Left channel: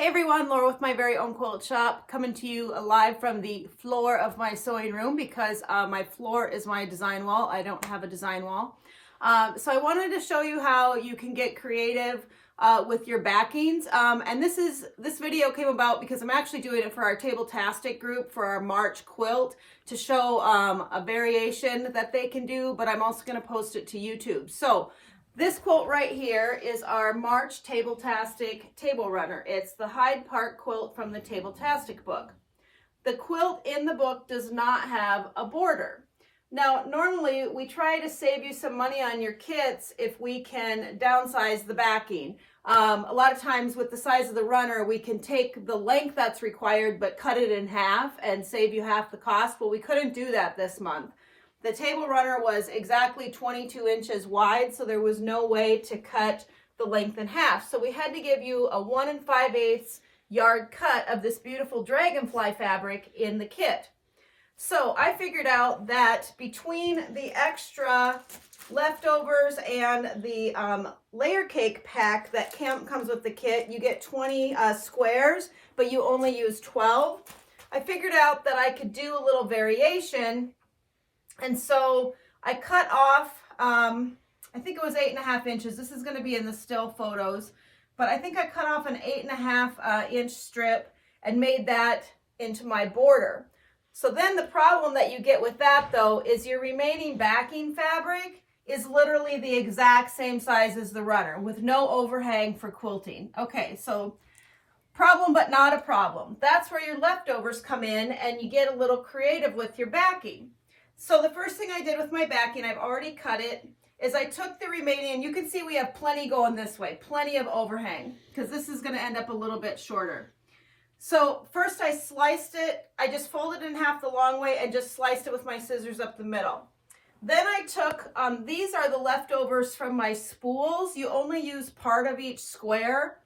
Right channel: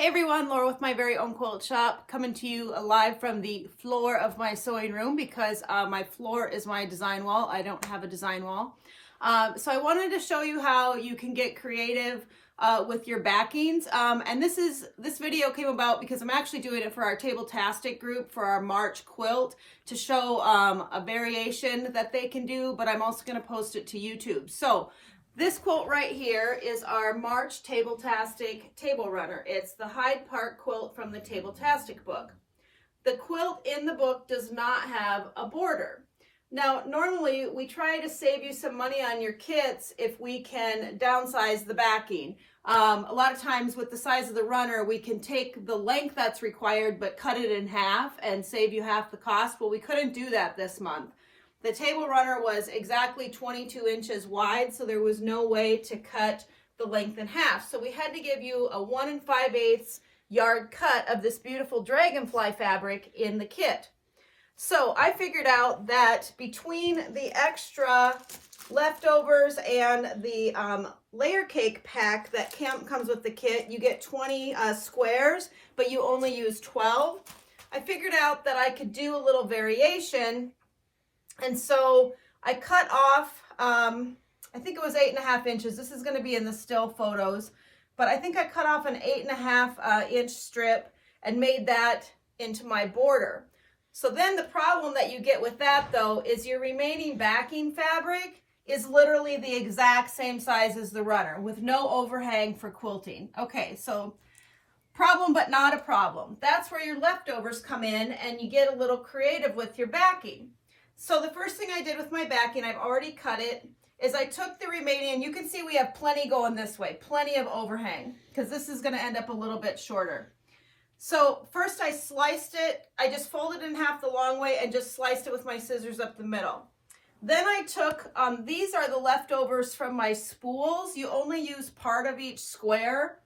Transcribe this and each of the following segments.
Hey everyone, Laura with my very own quilt shop, coming to you live from the floor of my sewing room because my floor is my design wall. I don't have a design wall. So I wanted to show you how you can get creative with your backings. And this video came about because I'm actually doing it for our Table-tastic group for our March quilt to show a variation that they can do, but I'm also going to post it to YouTube. So this quilt right here is our March Table-tastic table runner. It's the Hyde Park quilt from the Table-tastic book. The quilt in the book does not have a border. Now, normally we try to save you some money on your kits if we can downsize the backing. A lot of times with the size of the runner, we can take the length that's required but cut it in half and save you half the cost. Well, we couldn't do that this month. The table runner was exactly 22 inches wide, so there was no way to cut the length in half. So we had to give you a 1 5/8 yard cut of this beautiful dragonfly fabric in the kit. So I figured out that between the extra leftovers and the layer cake pack that comes with the kit, you get 20 squares, but you only use 12. I figured out that I could do a little variation. And so I cut off, I think it was 8.5 inches. This is going to be in the still photos, but I think I cut off an 8.5 inch strip and made that into my border. So then the problem that you get with that though is your remaining backing fabric is literally the exact same size as the runner with no overhang for quilting. Okay, so problem but not a problem. That's where your leftovers come in and you get a little creative with your backing. So the first thing I did with my backing, I've already cut it, is I took the remaining, and you can see we have plenty going this way, plenty of overhang, because this is going to end up a little bit shorter. So first I sliced it, I just folded it in half the long way and just sliced it with my scissors up the middle. Then I took, these are the leftovers from my spools. You only use part of each square.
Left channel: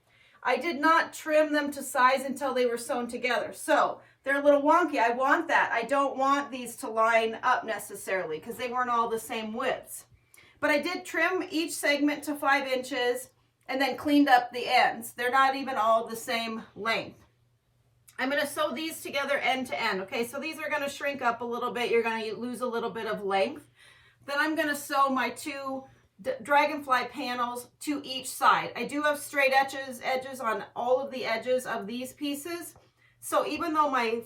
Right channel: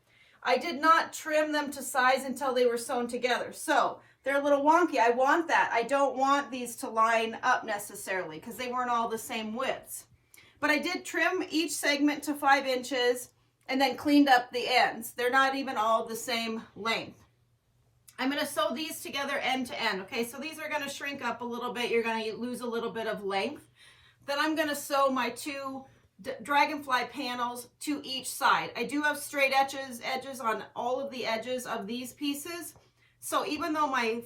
I did not trim them to size until they were sewn together. So they're a little wonky. I want that. I don't want these to line up necessarily because they weren't all the same widths. But I did trim each segment to 5 inches and then cleaned up the ends. They're not even all the same length. I'm going to sew these together end to end. Okay, so these are going to shrink up a little bit. You're going to lose a little bit of length. Then I'm going to sew my two dragonfly panels to each side. I do have straight edges on all of the edges of these pieces. So even though my,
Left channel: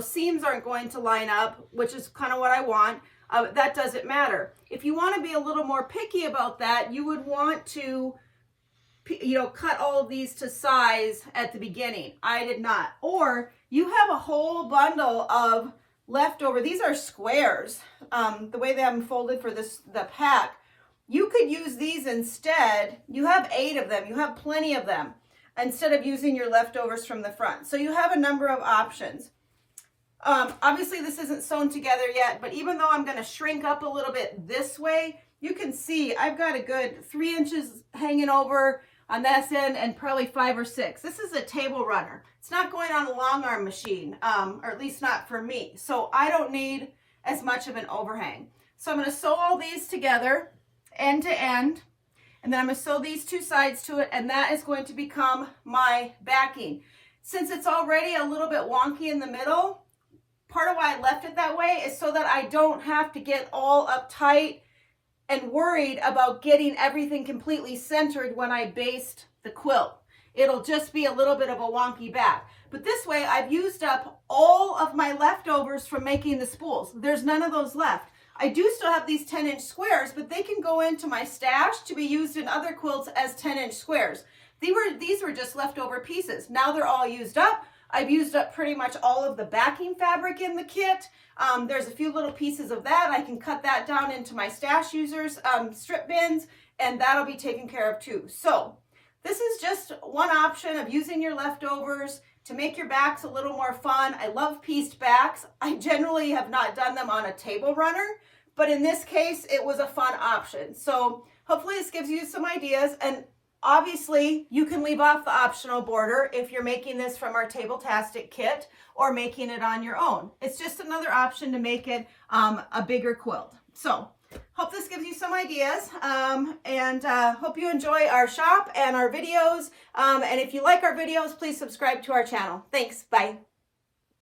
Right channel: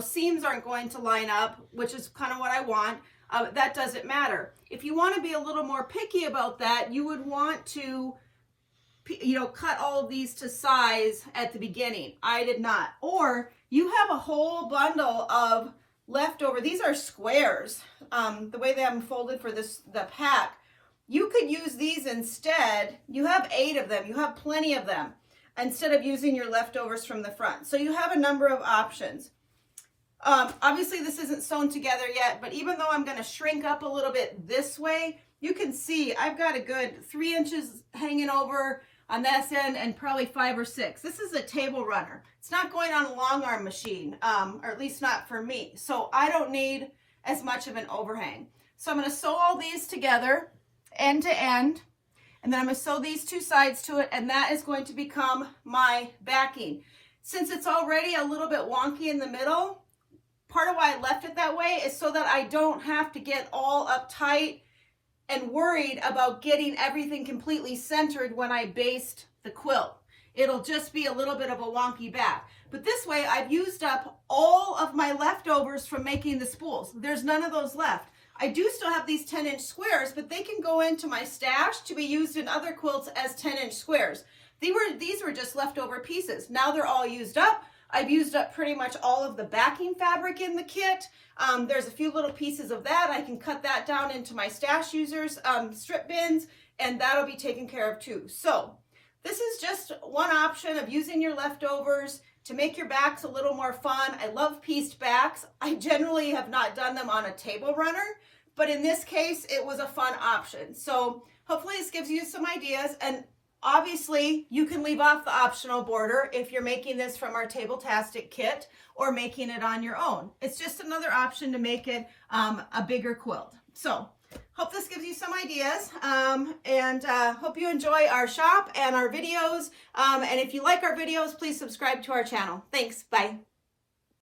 seams aren't going to line up, which is kind of what I want, that doesn't matter. If you want to be a little more picky about that, you would want to, cut all of these to size at the beginning. I did not. Or you have a whole bundle of leftover. These are squares. The way they have them folded for the pack. You could use these instead. You have 8 of them. You have plenty of them, instead of using your leftovers from the front. So you have a number of options. Obviously this isn't sewn together yet, but even though I'm going to shrink up a little bit this way, you can see I've got a good 3 inches hanging over on this end and probably 5 or 6. This is a table runner. It's not going on a long arm machine, or at least not for me. So I don't need as much of an overhang. So I'm going to sew all these together end to end. And then I'm going to sew these 2 sides to it, and that is going to become my backing. Since it's already a little bit wonky in the middle, part of why I left it that way is so that I don't have to get all uptight and worried about getting everything completely centered when I baste the quilt. It'll just be a little bit of a wonky back. But this way, I've used up all of my leftovers from making the spools. There's none of those left. I do still have these 10-inch squares, but they can go into my stash to be used in other quilts as 10-inch squares. These were just leftover pieces. Now they're all used up. I've used up pretty much all of the backing fabric in the kit. There's a few little pieces of that. I can cut that down into my stash users, strip bins, and that'll be taken care of too. So this is just one option of using your leftovers to make your backs a little more fun. I love pieced backs. I generally have not done them on a table runner, but in this case, it was a fun option. So hopefully this gives you some ideas. And obviously you can leave off the optional border if you're making this from our Table-tastic kit or making it on your own. It's just another option to make it a bigger quilt. So hope this gives you some ideas, and hope you enjoy our shop and our videos. And if you like our videos, please subscribe to our channel. Thanks. Bye.